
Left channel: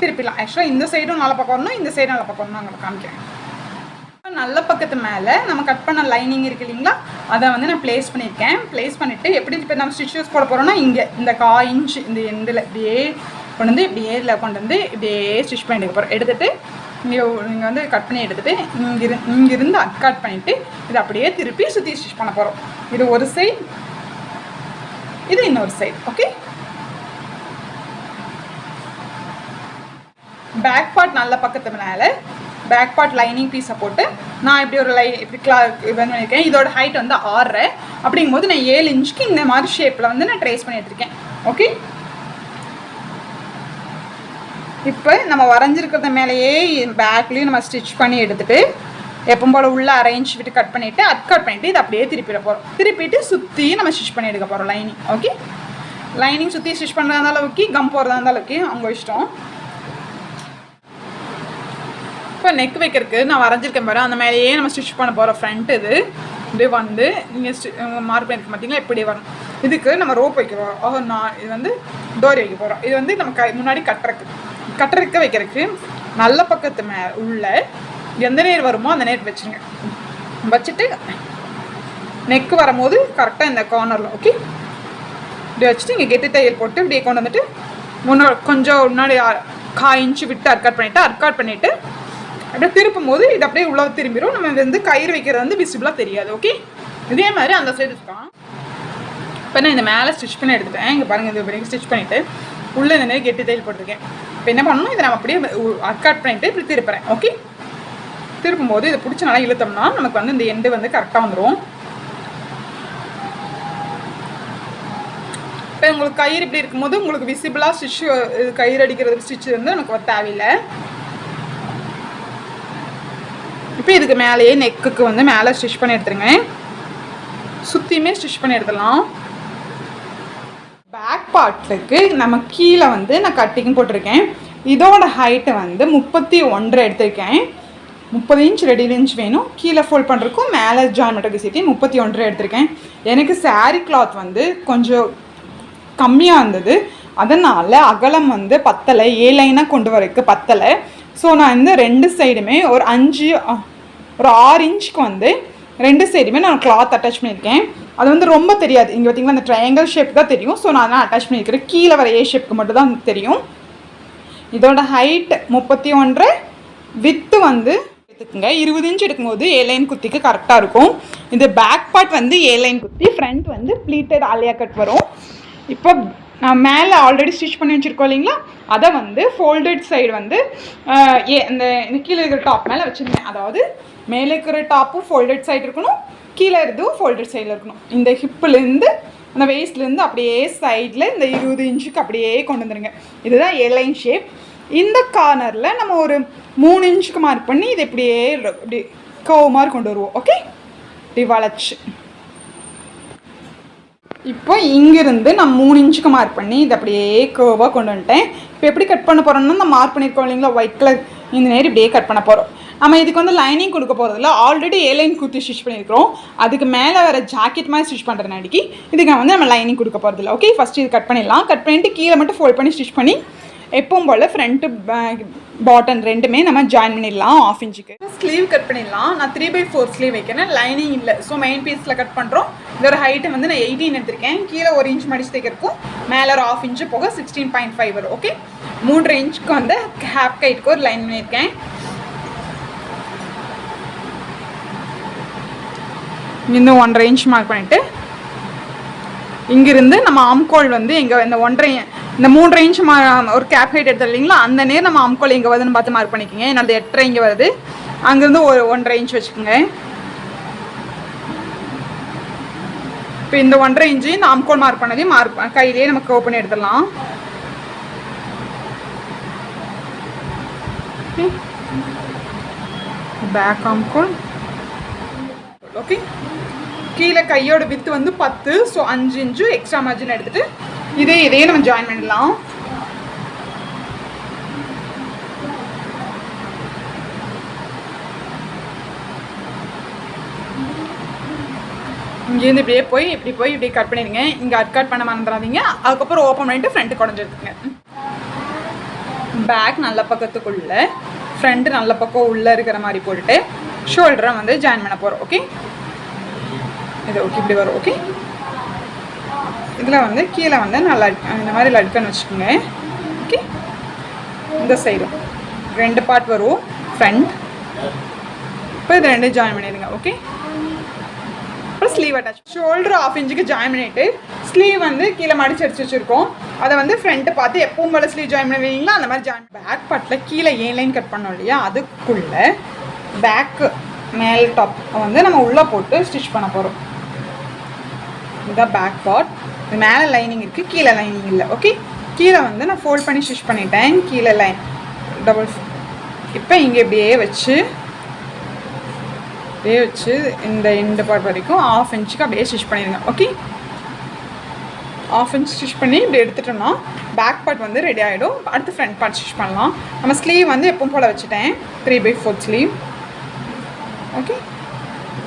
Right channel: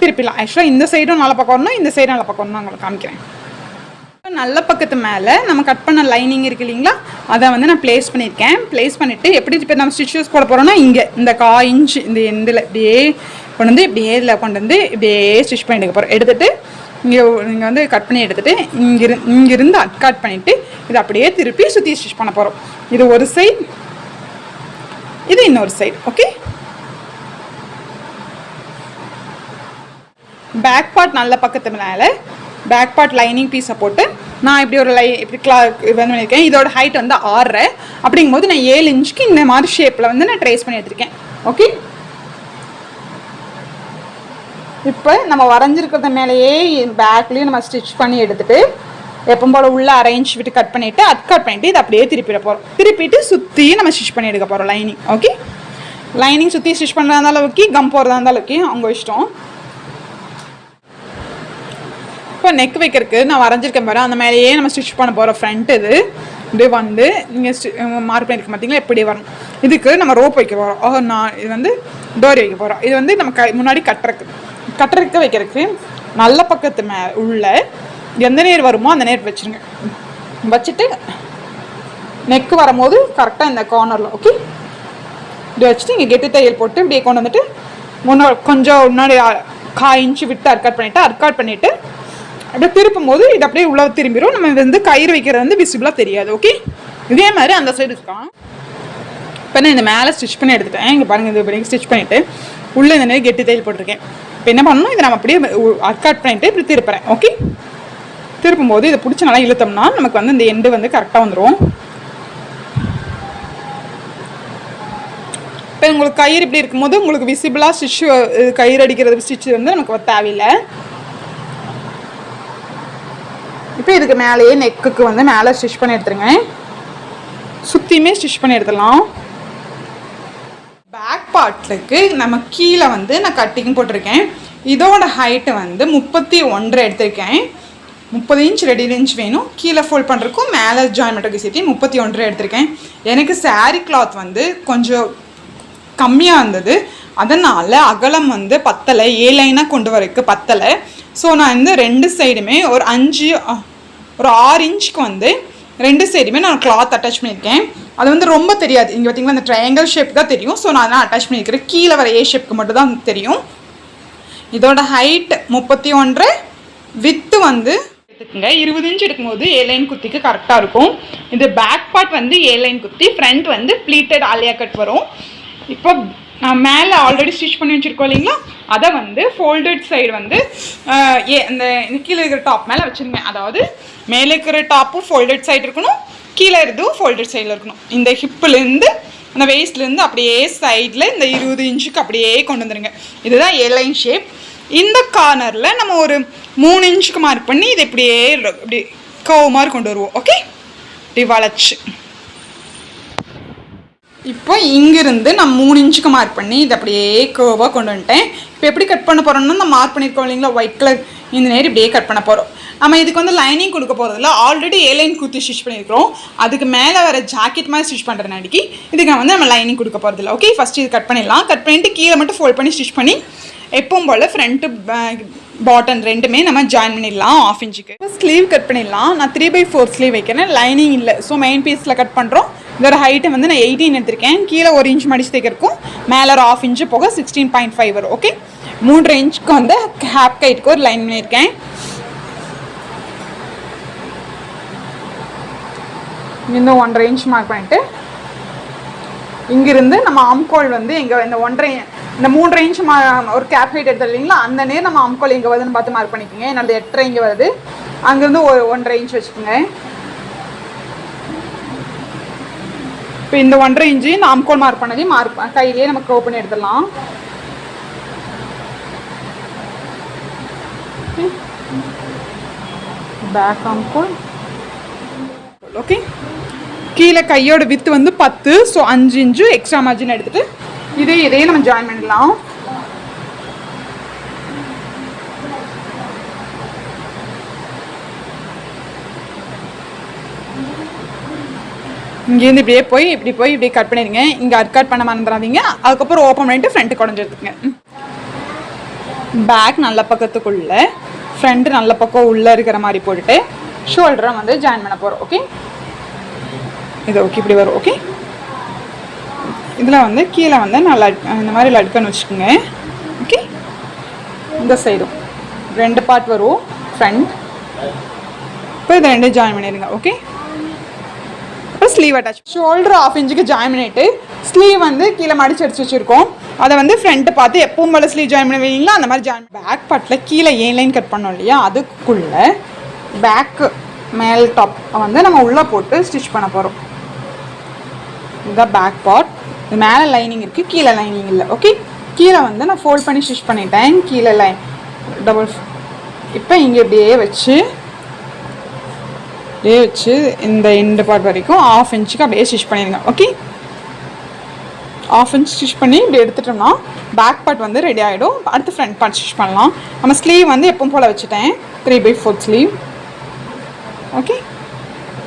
திருப்பிடலாம். ஆக்சுவலாக இந்த சைடும் நல்ல பக்கம் வரணும், இந்த சைடும் நல்ல பக்கம் வரணும். நான் உங்களுக்கு காமிக்கிறேன். நல்ல பக்கத்து மேலே நம்ம கட் பண்ண லைனிங் இருக்குது இல்லைங்களா, அதை வந்து நான் ப்ளேஸ் பண்ணியிருக்கேன். ப்ளேஸ் பண்ணிவிட்டு எப்படி இப்போ நம்ம ஸ்டிச்சஸ் போட போகிறோம்னா இங்கே இந்த 1/4 இன்ச் இந்த எண்டில் இப்படியே கொண்டு வந்து இப்படியே இதில் கொண்டு வந்து இப்படியே ஸ்டிச் பண்ணி எடுக்க போகிறோம். எடுத்துகிட்டு இங்கே வந்து கட் பண்ணி எடுத்துகிட்டு இங்கிருந்து அட்காட் பண்ணிவிட்டு இதை அப்படியே திருப்பி சுற்றி ஸ்டிச் பண்ண போகிறோம். இது ஒரு சைடு, இது இன்னொரு சைடு. ஓகே, பேக் பார்ட் நல்ல பக்கத்து மேலே பேக் பார்ட் லைனிங் பீஸை போட்டு நான் இப்படி ஒரு இப்படி இது பண்ணியிருக்கேன். இதோட ஹைட் வந்து 6 அப்படிங்கும்போது நான் 7 இன்ச்சுக்கு இந்த மாதிரி ஷேப்பில் வந்து நான் ட்ரேஸ் பண்ணி எடுத்திருக்கேன். ஓகே, இப்போ நம்ம வரைஞ்சிருக்கிறத மேலேயே பேக்லேயும் நம்ம ஸ்டிச் பண்ணி எடுத்துகிட்டு எப்போ போல் உள்ள 1/2 இன்ச் விட்டு கட் பண்ணிவிட்டு கட் பண்ணிவிட்டு இதை அப்படியே திருப்பிட போகிறோம். திருப்பிட்டு சுற்றி நம்ம ஸ்டிச் பண்ணி எடுக்க போகிறோம் லைனிங். ஓகே, லைனிங் சுற்றி ஸ்டிச் பண்ணுறதா இருந்தாலும் ஓகே, கம் போகிறதா இருந்தாலும் ஓகே, அவங்க இஷ்டம். இப்போ நெக் வைக்கிறதுக்கு நான் வரைஞ்சிருக்கேன் பாரு, அந்த மேலேயே நம்ம ஸ்டிச் பண்ண போகிறோம். ஃப்ரண்ட் இது இப்படியே வந்து நீங்கள் மார்க் பண்ணியிருக்க பார்த்தீங்களா, இப்படி வரணும். இதுக்கு நம்ம ரோப் வைக்க போகிறோம். நான் இது வந்து டோரி வைக்க போகிறோம். இது வந்து நம்ம முன்னாடி கட்டுறதுக்கு வைக்கிறதுக்கு நல்ல பக்கத்து உள்ள எந்த நேர் வருமோ அந்த நேர் வச்சுருங்க. வச்சுட்டு நெக்கு வரும்போது கரெக்டாக இந்த கார்னரில் ஓகே இப்படி வச்சுட்டு இங்கே கெட்டி தையல் போட்டு இப்படியே கொண்டு வந்துட்டு கொஞ்சம் முன்னாடி 1/4 இன்ச்சு விட்டு அர்காட் பண்ணிவிட்டு அப்படியே திருப்பும் போது இது அப்படியே உள்ள திரும்பிடும். நம்ம வந்து கயிறு வைக்கிறது வந்து விசிபிளாக தெரியாது. ஓகே, இதே மாதிரி அந்த சைடு இருக்கான். இப்போ நான் இந்த மேலே ஸ்டிச் பண்ணி எடுத்துட்டேன். இங்கே பாருங்கள், இது பண்ணி ஸ்டிச் பண்ணிவிட்டு உள்ளே இந்த மாதிரி கெட்டி தையல் போட்டிருக்கேன். இப்போ என்ன பண்ணணும், இதை நம்ம அப்படியே அர்காட் பண்ணிவிட்டு இப்படி திருப்புறேன். ஓகே, திருப்பும் போது இதை பிடிச்சி நல்லா இழுத்தோம்னா நமக்கு வந்து இந்த எண்டு வந்து கரெக்டாக வந்துடும். இப்போ உங்களுக்கு கயிறு இப்படி இருக்கும்போது உங்களுக்கு விசிபிளாக ஸ்டிச்சு கயிறு அடிக்கிறது ஸ்டிச்சு வந்து நமக்கு தேவையில்லை. இப்போ இதுக்கு மேலேயே நெக்குக்கு வந்து மேலே ஸ்டிச் பண்ணி எடுத்துருங்க. சுற்றியுமே ஸ்டிச் பண்ணி எடுத்துடலாம். பேக் பார்ட்டுக்கு நம்ம கீழே வந்து நான் கட்டிங் போட்டிருக்கேன். இதோட ஹைட்டு வந்து 31.5 எடுத்திருக்கேன். 30 இன்ச் 2 இன்ச் வேணும். கீழே ஃபோல்ட் பண்ணுறதுக்கும் மேலே ஜாயின் பண்ணுறதுக்கு சேர்த்து 31.5 எடுத்திருக்கேன். எனக்கு சாரீ கிளாத் வந்து கொஞ்சம் கம்மியாக இருந்தது. அதனால் அகலம் வந்து பத்தலை, ஏ லைனாக கொண்டு வரக்கு பத்தலை. ஸோ நான் வந்து 2 சைடுமே ஒரு 6 இன்ச்சுக்கு வந்து 2 சைடுமே நான் கிளாத் அட்டாச் பண்ணியிருக்கேன். அது வந்து ரொம்ப தெரியாது. இங்கே பார்த்தீங்கன்னா அந்த ட்ரையாங்கிள் ஷேப் தான் தெரியும். ஸோ நான் அதெல்லாம் அட்டாச் பண்ணியிருக்கிறேன். கீழே வர ஏ ஷேப்புக்கு மட்டும் தான் தெரியும். இதோட ஹைட் 31, வித்து வந்து எடுத்துக்கோங்க 20 இன்ச் எடுக்கும்போது ஏ லைன் குத்திக்கு கரெக்டாக இருக்கும். இது பேக் பார்ட் வந்து ஏ லைன் குத்தி, ஃப்ரண்ட் வந்து ப்ளீட்டட் ஆலியா கட் வரும். இப்போ நான் மேலே ஆல்ரெடி ஸ்டிச் பண்ணி வச்சுருக்கோம் இல்லைங்களா, அதை வந்து ஃபோல்டட் சைடு வந்து இந்த கீழே இருக்கிற டாப் மேலே வச்சுருங்க. அதாவது மேலே இருக்கிற டாப்பும் ஃபோல்டட் சைடு இருக்கணும், கீழே இருந்தும் ஃபோல்டட் சைடில் இருக்கணும். இந்த ஹிப்புலேருந்து அந்த வேஸ்ட்லேருந்து அப்படியே சைடில் இந்த 20 இன்ச்சுக்கு அப்படியே கொண்டு வந்துடுங்க. இதுதான் ஏ லைன் ஷேப். இந்த கார்னரில் நம்ம ஒரு 3 இன்ச்சுக்கு மார்க் பண்ணி இதை இப்படியே இப்படி கர்வ் மாதிரி கொண்டு வருவோம். ஓகே, இப்படி வளைச்சு இப்போ இங்கிருந்து நான் 3 இன்ச்சுக்கு மார்க் பண்ணி இதை அப்படியே கர்வாக கொண்டு வந்துட்டேன். இப்போ எப்படி கட் பண்ண போகிறோம்னா, நம்ம மார்க் பண்ணியிருக்கோம் இல்லைங்களா ஒயிட் கலர், இந்த நேரம் இப்படியே கட் பண்ண போகிறோம். நம்ம இதுக்கு வந்து லைனிங் கொடுக்க போகிறதில்ல, ஆல்ரெடி ஏ லைன் குத்தி ஸ்டிச் பண்ணியிருக்கிறோம். அதுக்கு மேலே வர ஜாக்கெட் மாதிரி ஸ்டிச் பண்ணுறதுனாடிக்கு இதுக்கு வந்து நம்ம லைனிங் கொடுக்க போகிறதில்ல. ஓகே, ஃபஸ்ட்டு இது கட் பண்ணிடலாம். கட் பண்ணிவிட்டு கீழே மட்டும் ஃபோல்ட் பண்ணி ஸ்டிச் பண்ணி எப்பவும் போல் ஃப்ரண்ட்டு பாட்டம் ரெண்டுமே நம்ம ஜாயின் பண்ணிடலாம். 1/2 இன்ச்சுக்கு ஸ்லீவ் கட் பண்ணிடலாம். நான் 3/4 ஸ்லீவ் வைக்கிறேன், லைனிங் இல்லை. ஸோ மெயின் பீஸில் கட் பண்ணுறோம். இதோட ஹைட்டை வந்து நான் 18 எடுத்திருக்கேன். கீழே 1 இன்ச் மடிச்சு தைக்கிறக்கும், மேலே ஒரு 1/2 இன்ச்சு போக 16.5 வரும். ஓகே, 3 இன்ச்சுக்கு வந்து ஹேப் கைட்டுக்கு ஒரு லைன் பண்ணியிருக்கேன். இன்னும் 1.5 இன்ச் மார்க் பண்ணிவிட்டு இங்கிருந்து நம்ம ஆம்கோல் வந்து எங்கே இந்த 3.5 இன்ச் ஒரு கேப் ஹைட் எடுத்தது இல்லைங்களா, அந்த நேரம் நம்ம ஆம்கோல் எங்கே வருதுன்னு பார்த்து மார்க் பண்ணிக்கோங்க. என்னோட 8.5 இங்கே வருது, அங்கேருந்து ஒரு 1.5 இன்ச் வச்சுக்கோங்க. இப்போ இந்த 1.5 இன்ச்சு இந்த ஆம்கோல் மார்க் பண்ணதையும் கையிலேயே நம்ம கர்வ் பண்ணி எடுத்துடலாம். பேக் ஆம்கோல். ஓகே, கீழே கையோட வித்து வந்து 10, ஸோ 5 இன்ச்சு எக்ஸ்ட்ரா மார்ஜின் எடுத்துகிட்டு இதையே நம்ம ஜாயின் பண்ணிடலாம். இங்கேருந்து இப்படியே போய் இப்படி கட் பண்ணிடுங்க. இங்கே கட் பண்ண மறந்துடாதீங்க. அதுக்கப்புறம் ஓப்பன் பண்ணிட்டு ஃப்ரண்ட்டு குடஞ்சி எடுத்துக்கங்க. பேக் நல்ல பக்கத்துக்குள்ளே, ஃப்ரண்ட்டு நல்ல பக்கம் உள்ளே இருக்கிற மாதிரி போட்டுட்டு ஷோல்டரை வந்து ஜாயின் பண்ண போகிறோம். ஓகே, இது ஓகே இப்படி வரும். ஓகே, இதில் வந்து கீழே வந்து நான் இந்த மாதிரி லட்கன்னு வச்சுக்கோங்க. ஓகே, இந்த சைடும் 2 பார்ட் வரும் ஃப்ரண்ட். இப்போ இதை 2 ஜாயின் பண்ணிடுங்க. ஓகே, அப்புறம் ஸ்லீவ் அட்டாச். ஷோல்டர் 1/2 இன்ச்சுக்கு ஜாயின் பண்ணிவிட்டு ஸ்லீவ் வந்து கீழே மடிச்சு அடிச்சு வச்சுருக்கோம். அதை வந்து ஃப்ரண்ட்டு பார்த்து எப்பவும் போல ஸ்லீவ் ஜாயின் பண்ணி வைங்களா, அந்த மாதிரி ஜாயின். பேக் பார்ட்டில் கீழே ஏ லைன் கட் பண்ணோம் இல்லையா, அதுக்குள்ளே பேக்கு மேல் டாப் வந்து நம்ம உள்ளே போட்டு ஸ்டிச் பண்ண போகிறோம். இதுதான் பேக் பார்ட். இது மேலே லைனிங் இருக்குது, கீழே லைனிங் இல்லை. ஓகே, கீழே வந்து நான் ஃபோல்ட் பண்ணி ஸ்டிச் பண்ணிட்டேன். கீழே லைன் டபுள். இப்போ இங்கே இப்படியே வச்சு இந்த எண்டு பார்ட் வரைக்கும் 1/2 இன்ச்சுக்கு அப்படியே ஸ்டிச் பண்ணிடுங்க. ஓகே, 1/2 இன்ச் ஸ்டிச் பண்ணி இப்படி எடுத்துட்டோம்னா பேக் பார்ட் வந்து ரெடி ஆகிடும். அடுத்து ஃப்ரண்ட் பார்ட் ஸ்டிச் பண்ணலாம். நம்ம ஸ்லீவ் வந்து எப்பவும் போல் வச்சுட்டேன், 3/4 ஸ்லீவ். ஓகே,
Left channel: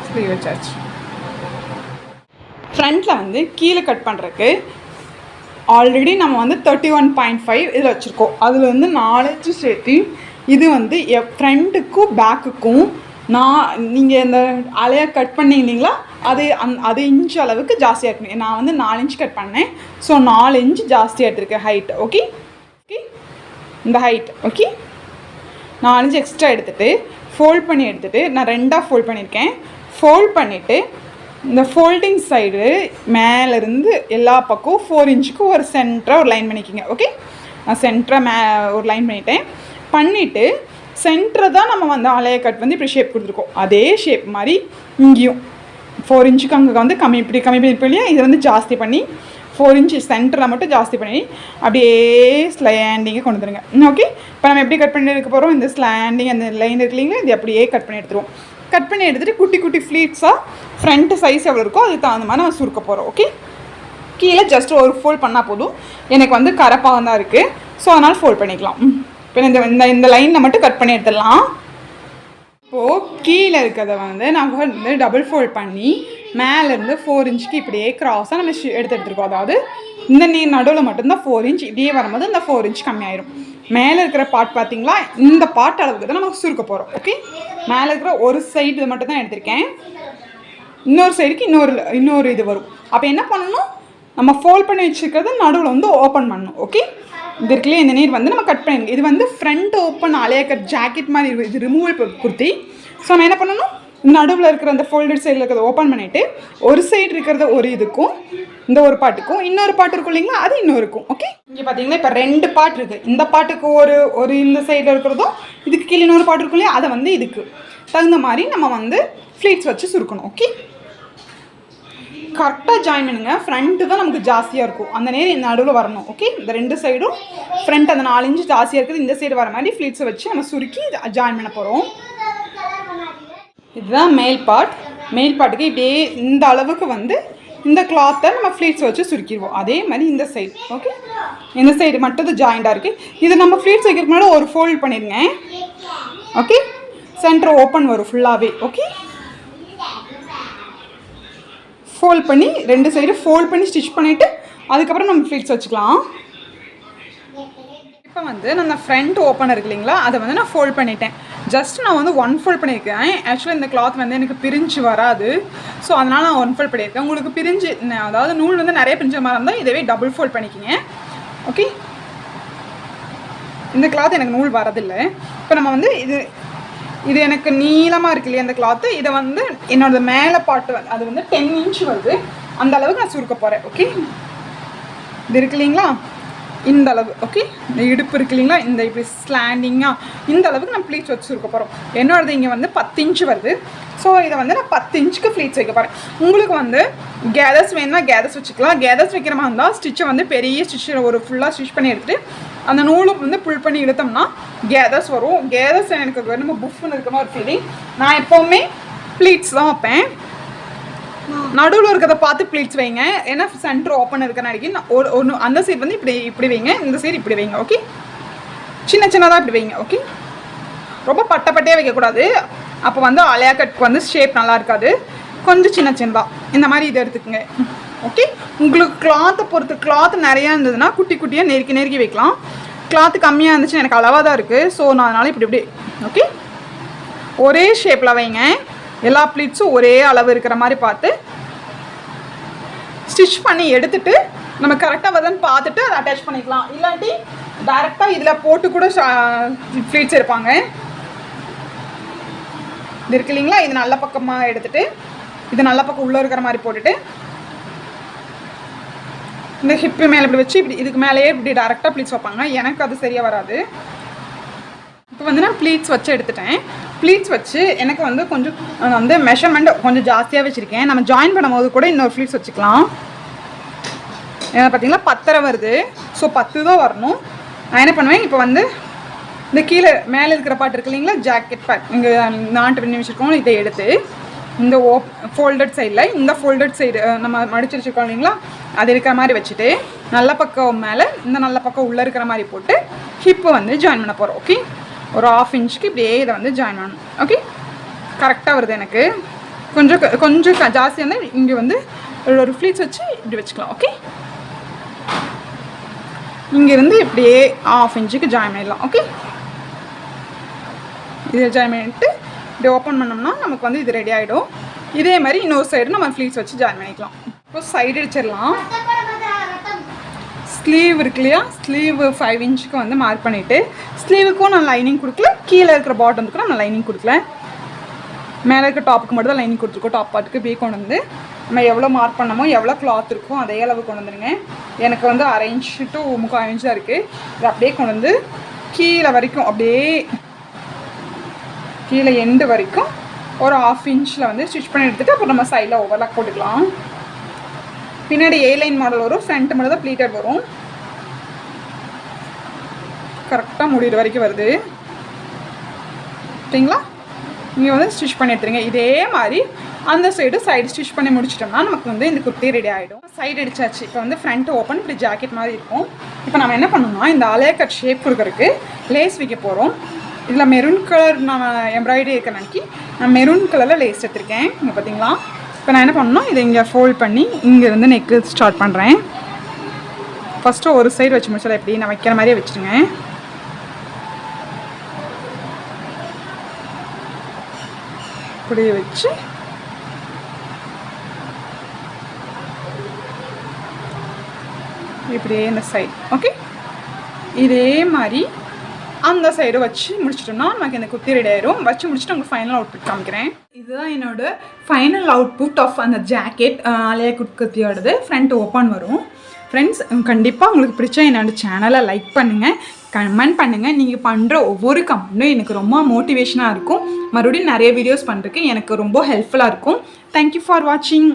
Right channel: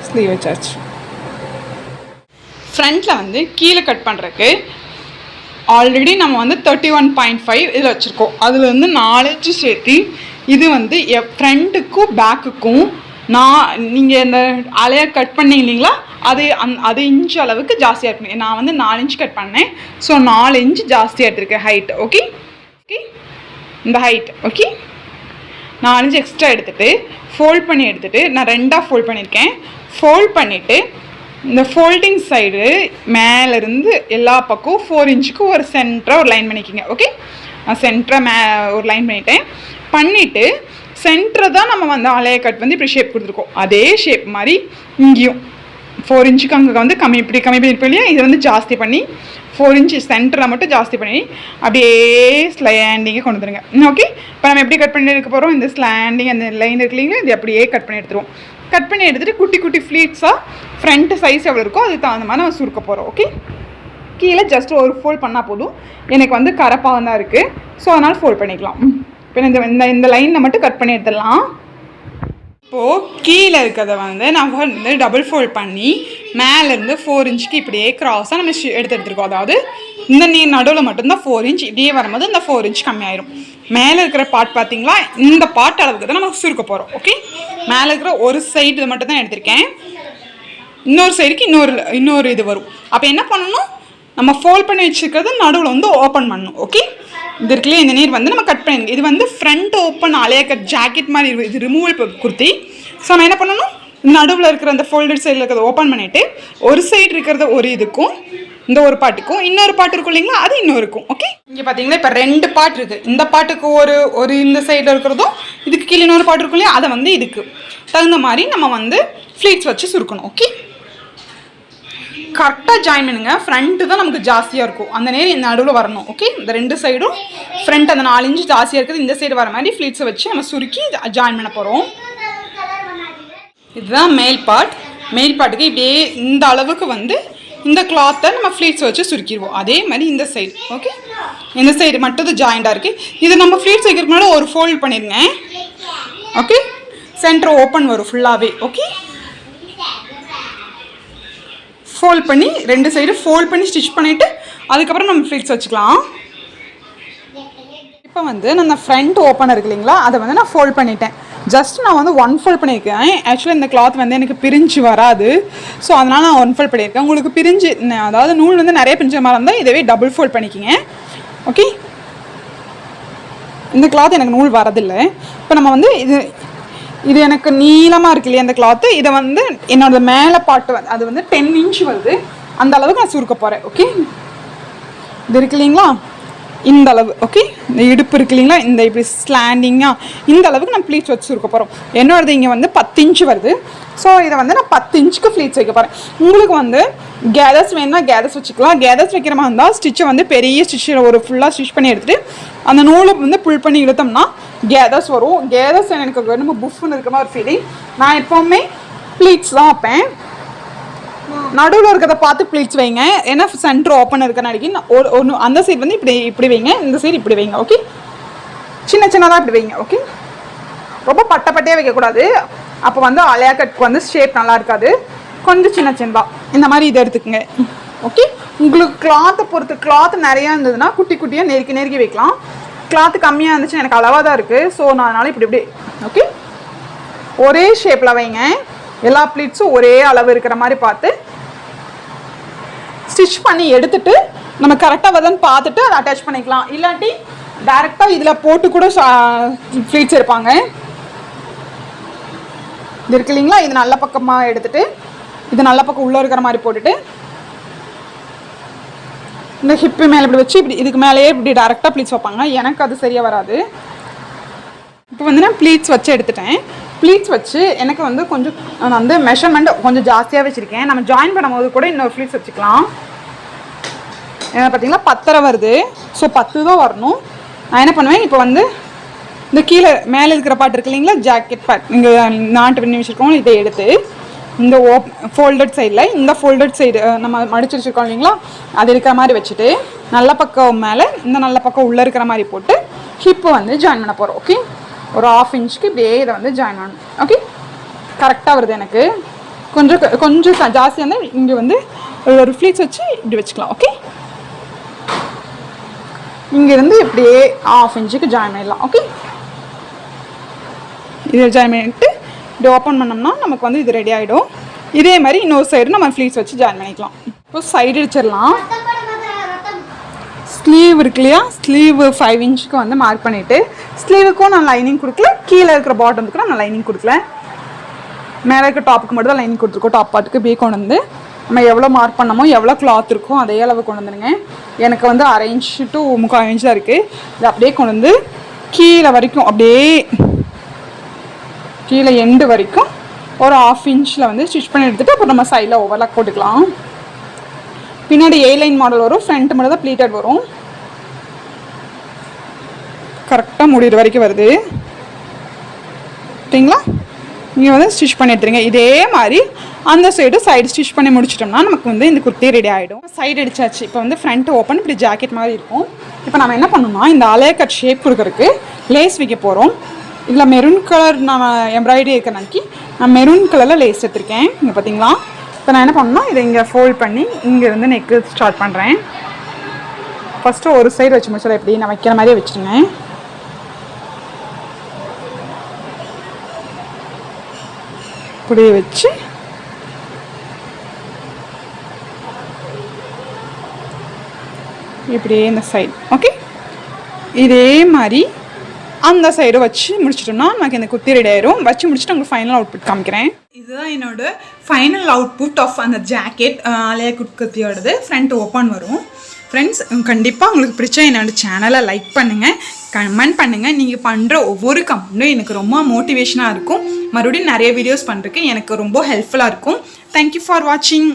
ஸ்லீவ் வச்சாச்சு. ஃப்ரண்ட்டில் வந்து கீழே கட் பண்ணுறதுக்கு ஆல்ரெடி நம்ம வந்து 31.5 இதில் வச்சுருக்கோம். அதில் வந்து 4 இன்ச்சு சேர்த்து இது வந்து ஃப்ரண்ட்டுக்கும் பேக்குக்கும் நீங்கள் இந்த அலையை கட் பண்ணீங்க இல்லைங்களா, அது இன்ச்சு அளவுக்கு ஜாஸ்தியாக இருக்கணும். நான் வந்து 4 இன்ச் கட் பண்ணேன், ஸோ 4 இன்ச் ஜாஸ்தியாக எடுத்துருக்கேன் ஹைட். ஓகே, இந்த ஹைட். ஓகே, 4 இன்ச் எக்ஸ்ட்ரா எடுத்துகிட்டு ஃபோல்ட் பண்ணி எடுத்துகிட்டு நான் 2ஆக ஃபோல்ட் பண்ணியிருக்கேன். ஃபோல்ட் பண்ணிவிட்டு இந்த ஃபோல்டிங் சைடு மேலேருந்து எல்லா பக்கம் 4 இன்ச்சுக்கு ஒரு சென்டராக ஒரு லைன் பண்ணிக்கோங்க. ஓகே, நான் சென்டராக ஒரு லைன் பண்ணிவிட்டு சென்டரை தான் நம்ம வந்து அலைய கட் வந்து இப்படி ஷேப் கொடுத்துருக்கோம். அதே ஷேப் மாதிரி இங்கேயும் 4 இன்ச்சுக்கு அங்கே வந்து கம்மி பண்ணியிருப்போம் இல்லையா, இதை வந்து ஜாஸ்தி பண்ணி 4 இன்ச்சு சென்டரில் மட்டும் ஜாஸ்தி பண்ணி அப்படியே ஸ்லாண்டிங்கை கொண்டு வந்துடுங்க. ஓகே, இப்போ நம்ம எப்படி கட் பண்ணி எடுக்க போகிறோம், இந்த ஸ்லாண்டிங் அந்த லைன் இருக்கு இல்லைங்களா, இது அப்படியே கட் பண்ணி எடுத்துருவோம். கட் பண்ணி எடுத்துகிட்டு குட்டி குட்டி ஃப்ளீட்ஸாக ஃப்ரண்ட்டு சைஸ் எவ்வளோ இருக்கோ அதுக்கு தகுந்த மாதிரி நம்ம சுருக்க போகிறோம். ஓகே, கீழே ஜஸ்ட் ஒரு ஃபோல்ட் பண்ணால் போதும். எனக்கு வந்து கரப்பாக தான் இருக்குது, ஸோ அதனால் ஃபோல்ட் பண்ணிக்கலாம். இப்போ இந்த லைனில் மட்டும் கட் பண்ணி எடுத்துடலாம். இப்போது கீழே இருக்கிறத வந்து நம்ம வந்து டபுள் ஃபோல்ட் பண்ணி மேலேருந்து 4 இன்ச்சுக்கு இப்படியே க்ராஸாக நம்ம எடுத்துருக்கோம். அதாவது இந்த நடுவில் மட்டும்தான் 4 இன்ச். இப்படியே வரும்போது இந்த 4 இன்ச் கம்மியாயிரும். மேலே இருக்கிற பார்ட் பார்த்தீங்களா, இந்த பார்ட் அளவுக்கு தான் நம்ம சுருக்க போகிறோம். ஓகே, மேலே இருக்கிற ஒரு சைடு மட்டும் தான் எடுத்திருக்கேன். இன்னொரு சைடுக்கு இன்னொரு இது வரும். அப்போ என்ன பண்ணணும், நம்ம ஃபோல்ட் பண்ணி வச்சுருக்கிறது நடுவில் வந்து ஓப்பன் பண்ணணும். ஓகே, இது இருக்குல்லையே, இந்த நீர் வந்து நம்ம கட் பண்ணிடுங்க. இது வந்து ஃப்ரண்ட் ஓப்பன் அலையா கட் ஜாக்கெட் மாதிரி இருக்கும். இது ரிமூவல் குர்த்தி. ஸோ நம்ம என்ன பண்ணணும், நடுவில் இருக்கிற அந்த ஃபோல்டட் சைடில் இருக்கிறத ஓப்பன் பண்ணிவிட்டு ஒரு சைடு இருக்கிறத ஒரு இதுக்கும் இந்த ஒரு பாட்டுக்கும் இன்னொரு பாட்டு இருக்கும் இல்லைங்களா, அது இன்னும் இருக்கும். ஓகே, இங்கே பார்த்தீங்கன்னா இப்போ 2 பாட்டு இருக்குது. இந்த பாட்டுக்கு ஒரு இந்த சைடில் இருக்கிறதும் இதுக்கு கீழே இன்னொரு பாட்டு இருக்கும் இல்லையா, அதை வந்து இதுக்கு தகுந்த மாதிரி நம்ம வந்து ஃப்ளீட்ஸ் வச்சு சுருக்கணும். ஓகே, கரெக்டாக ஜாயின் பண்ணுங்க. ஃப்ரண்ட்டு தான் நமக்கு ஜாஸ்தியாக இருக்கும், அந்த நேரம் இந்த நடுவில் வரணும். ஓகே, இந்த 2 சைடும் ஃப்ரண்ட் அந்த 4 இன்ச் ஜாஸ்தியாக இருக்குது, இந்த சைடு வர மாதிரி ஃப்ளீட்ஸை வச்சு நம்ம சுருக்கி ஜாயின் பண்ண போகிறோம். இதுதான் மேல் பார்ட். மேல் பார்ட்டுக்கு இப்படியே இந்த அளவுக்கு வந்து இந்த கிளாத்தை நம்ம ஃப்ளீட்ஸ் வச்சு சுருக்கிடுவோம். அதே மாதிரி இந்த சைடு. ஓகே, இந்த சைடு மட்டும் இது ஜாயிண்டாக இருக்குது. இது நம்ம ஃப்ளீட்ஸ் வைக்கிறதுக்கு முன்னாடி ஒரு ஃபோல்ட் பண்ணிடுங்க. ஓகே, சென்டர் ஓப்பன் வரும் ஃபுல்லாகவே. ஓகே, ஃபோல்ட் பண்ணி 2 சைடு ஃபோல்ட் பண்ணி ஸ்டிச் பண்ணிவிட்டு அதுக்கப்புறம் நம்ம ஃப்ளீட்ஸ் வச்சுக்கலாம். இப்போ வந்து நான் ஃப்ரண்ட் ஓப்பன் இருக்கு இல்லைங்களா, அதை வந்து நான் ஃபோல்ட் பண்ணிட்டேன். ஜஸ்ட் நான் வந்து 1 ஃபோல்ட் பண்ணியிருக்கேன். ஆக்சுவலாக இந்த கிளாத் வந்து எனக்கு பிரிஞ்சு வராது, ஸோ அதனால் நான் 1 ஃபோல்ட் பண்ணியிருக்கேன். உங்களுக்கு பிரிஞ்சு, அதாவது நூல் வந்து நிறைய பிரிஞ்ச மாதிரி இருந்தால் இதவே டபுள் ஃபோல்ட் பண்ணிக்கிங்க. ஓகே, இந்த கிளாத் எனக்கு நூல் வரதில்லை. இப்போ நம்ம வந்து இது எனக்கு நீளமாக இருக்கு இல்லையா இந்த கிளாத்து, இதை வந்து என்னோட மேலே பாட்டு வந்து அது வந்து 10 இன்ச் வருது, அந்த அளவுக்கு நான் சுருக்க போகிறேன். ஓகே, இது இருக்கு இல்லைங்களா, இந்த அளவு. ஓகே, இந்த இடுப்பு இருக்கு இல்லைங்களா, இந்த இப்படி ஸ்லாண்டிங்காக இந்த அளவுக்கு நம்ம ப்ளீட்ஸ் வச்சு சுருக்க போகிறோம். என்னோடது இங்கே வந்து 10 இன்ச் வருது. ஸோ இதை வந்து நான் 10 இன்ச்சுக்கு ஃப்ளீட்ஸ் வைக்க போகிறேன். உங்களுக்கு வந்து கேதர்ஸ் வேணுன்னா கேதர்ஸ் வச்சுக்கலாம். கேதர்ஸ் வைக்கிற மாதிரி இருந்தால் ஸ்டிச்சை வந்து பெரிய ஸ்டிச்சில் ஒரு ஃபுல்லாக ஸ்டிச் பண்ணி எடுத்துகிட்டு அந்த நூலை வந்து புல் பண்ணி இழுத்தோம்னா கேதர்ஸ் வரும். கேதர்ஸ் எனக்கு நம்ம புஃப்னு இருக்கிற மாதிரி ஒரு ஃபீலிங். நான் எப்போவுமே ப்ளீட்ஸ் தான் வைப்பேன். நடுவில் இருக்கிறத பார்த்து ப்ளீட்ஸ் வைங்க. ஏன்னா சென்டர் ஓப்பன் இருக்கிற நாளைக்கு ஒன்று அந்த சைடு வந்து இப்படி வைங்க, இந்த சைடு இப்படி வைங்க. ஓகே, சின்னதாக இப்படி வைங்க. ஓகே, ரொம்ப பட்டையாக வைக்கக்கூடாது, அப்போ வந்து அலையா கட்டுக்கு வந்து ஷேப் நல்லா இருக்காது. கொஞ்சம் சின்னதாக இந்த மாதிரி இதை எடுத்துக்கோங்க. ஓகே, உங்களுக்கு கிளாத்தை பொறுத்து, கிளாத் நிறையா இருந்ததுன்னா குட்டி குட்டியாக நெருக்கி வைக்கலாம். கிளாத்து கம்மியாக இருந்துச்சுன்னா எனக்கு அளவாக தான் இருக்குது, ஸோ நான் அதனால் இப்படி. ஓகே, ஒரே ஷேப்பில் வைங்க. எல்லா ப்ளீட்ஸும் ஒரே அளவு இருக்கிற மாதிரி பார்த்து ஸ்டிச் பண்ணி எடுத்துட்டு நம்ம கரெக்டாக வருதுன்னு பார்த்துட்டு அதை அட்டாச் பண்ணிக்கலாம். இல்லாட்டி டேரெக்டாக இதில் போட்டு கூட ப்ளீட்ஸ் இருப்பாங்க. இது இருக்கு இல்லைங்களா, இது நல்ல பக்கமாக எடுத்துட்டு இது நல்ல பக்கம் உள்ளே இருக்கிற மாதிரி போட்டுட்டு இந்த ஹிப்பு மேலே இப்படி வச்சு இப்படி இதுக்கு மேலேயே இப்படி டேரெக்டாக ப்ளீட்ஸ் வைப்பாங்க. எனக்கு அது சரியாக வராது. இப்போ வந்து நான் ப்ளீட்ஸ் வச்சு எடுத்துட்டேன். ப்ளீட்ஸ் வச்சு எனக்கு வந்து கொஞ்சம் நான் வந்து மெஷர்மெண்ட் கொஞ்சம் ஜாஸ்தியாக வச்சுருக்கேன். நம்ம ஜாயின் பண்ணும்போது கூட இன்னொரு ப்ளீட்ஸ் வச்சுக்கலாம். ஏன்னா பார்த்தீங்களா 10 வருது, ஸோ 10 தான் வரணும். நான் என்ன பண்ணுவேன், இப்போ வந்து இந்த கீழே மேலே இருக்கிற பாட்டு இருக்கு இல்லைங்களா, ஜாக்கெட் பார்ட் இங்கே நாட்டு பண்ணி வச்சுருக்கோம், இதை எடுத்து இந்த ஃபோல்டட் சைடில் இந்த ஃபோல்டட் சைடு நம்ம மடிச்சு வச்சுருக்கோம் இல்லைங்களா, அது இருக்கிற மாதிரி வச்சுட்டு நல்ல பக்கம் மேலே இந்த நல்ல பக்கம் உள்ளே இருக்கிற மாதிரி போட்டு ஹிப்பு வந்து ஜாயின் பண்ண போகிறோம். ஓகே, ஒரு 1/2 இன்ச்சுக்கு இப்படியே இதை வந்து ஜாயின் பண்ணணும். ஓகே, கரெக்டாக வருது. எனக்கு கொஞ்சம் ஜாஸ்தியாக இருந்தால் இங்கே வந்து ஒரு ஃப்ளீட்ஸ் வச்சு இப்படி வச்சுக்கலாம். ஓகே, இங்கேருந்து இப்படியே 1/2 இன்ச்சுக்கு ஜாயின் பண்ணிடலாம். ஓகே, இதை ஜாயின் பண்ணிட்டு இப்படி ஓப்பன் பண்ணோம்னா நமக்கு வந்து இது ரெடி ஆகிடும். இதே மாதிரி இன்னொரு சைடு நம்ம ஃப்ளீட்ஸ் வச்சு ஜாயின் பண்ணிக்கலாம். இப்போ சைடு அடிச்சிடலாம். ஸ்லீவ் இருக்கு இல்லையா, ஸ்லீவ் 5 இன்ச்சுக்கு வந்து மார்க் பண்ணிவிட்டு ஸ்லீவுக்கும் நான் லைனிங் கொடுக்கல, கீழே இருக்கிற பாட்டமுக்கு நான் லைனிங் கொடுக்கல, மேலே இருக்க டாப்புக்கு மட்டும் தான் லைனிங் கொடுத்துருக்கோம். டாப் பாட்டுக்கு பே கொண்டு வந்து நம்ம எவ்வளோ மார்க் பண்ணமோ எவ்வளோ கிளாத் இருக்கோ அதே அளவு கொண்டு வந்துடுங்க. எனக்கு வந்து 1/2 இன்ச்சு to 3/4 இன்ச் தான் இருக்குது. இது அப்படியே கொண்டு வந்து கீழே வரைக்கும் அப்படியே கீழே எண்டு வரைக்கும் ஒரு 1/2 இன்ச்சில் வந்து ஸ்டிச் பண்ணி எடுத்துகிட்டு அப்புறம் நம்ம சைடில் ஓவர்லாக் போட்டுக்கலாம். பின்னாடி A-லைன் மாடல் வரும், ஃப்ரண்ட் மட்டும் தான் ப்ளீட்டட் வரும். கரெக்டாக முடிகிற வரைக்கும் வருது சரிங்களா. இங்கே வந்து ஸ்டிச் பண்ணி எடுத்துருங்க. இதே மாதிரி அந்த சைடு ஸ்டிச் பண்ணி முடிச்சிட்டோம்னா நமக்கு வந்து இந்த குர்த்தி ரெடி ஆகிடும். சைடு அடிச்சாச்சு. இப்போ வந்து ஃப்ரண்ட் ஓப்பன் இப்படி ஜாக்கெட் மாதிரி இருக்கும். இப்போ நம்ம என்ன பண்ணணும்னா இந்த அலைய கட் ஷேப் கொடுக்கறதுக்கு லேஸ் வைக்க போகிறோம். இதில் மெரூன் கலர் நம்ம எம்ப்ராய்டரி இருக்கிற அன்றைக்கி நான் மெரூன் கலரில் லேஸ் எடுத்திருக்கேன். இங்கே பார்த்தீங்களா. இப்போ நான் என்ன பண்ணணும், இதை இங்கே ஃபோல்ட் பண்ணி இங்கேருந்து நெக்கு ஸ்டார்ட் பண்ணுறேன். ஃபஸ்ட்டு ஒரு சைடு வச்சு முடிச்சா எப்படி நான் வைக்கிற மாதிரியே வச்சுருங்க. இப்படியே வச்சு இப்படியே இந்த சைடு ஓகே. இதே மாதிரி அந்த சைடு வச்சு முடிச்சிட்டோம்னா நமக்கு இந்த குர்த்தி ரெடி ஆயிரும். வச்சு முடிச்சுட்டு உங்களுக்கு ஃபைனல் அவுட்புட் காமிக்கிறேன். இதுதான் என்னோட ஃபைனல் அவுட்புட் ஆஃப் அந்த ஜாக்கெட் ஆலியா கட் குர்த்தியோடது. ஃப்ரண்ட் ஓப்பன் வரும். ஃப்ரெண்ட்ஸ், கண்டிப்பாக உங்களுக்கு பிடிச்ச என்னோடய சேனலை லைக் பண்ணுங்கள், கமெண்ட் பண்ணுங்கள். நீங்கள் பண்ணுற ஒவ்வொரு கமெண்ட்டும் எனக்கு ரொம்ப மோட்டிவேஷனாக இருக்கும். மறுபடியும் நிறைய வீடியோஸ் பண்ணுறதுக்கு எனக்கு ரொம்ப ஹெல்ப்ஃபுல்லாக இருக்கும். தேங்க்யூ ஃபார் வாட்சிங்.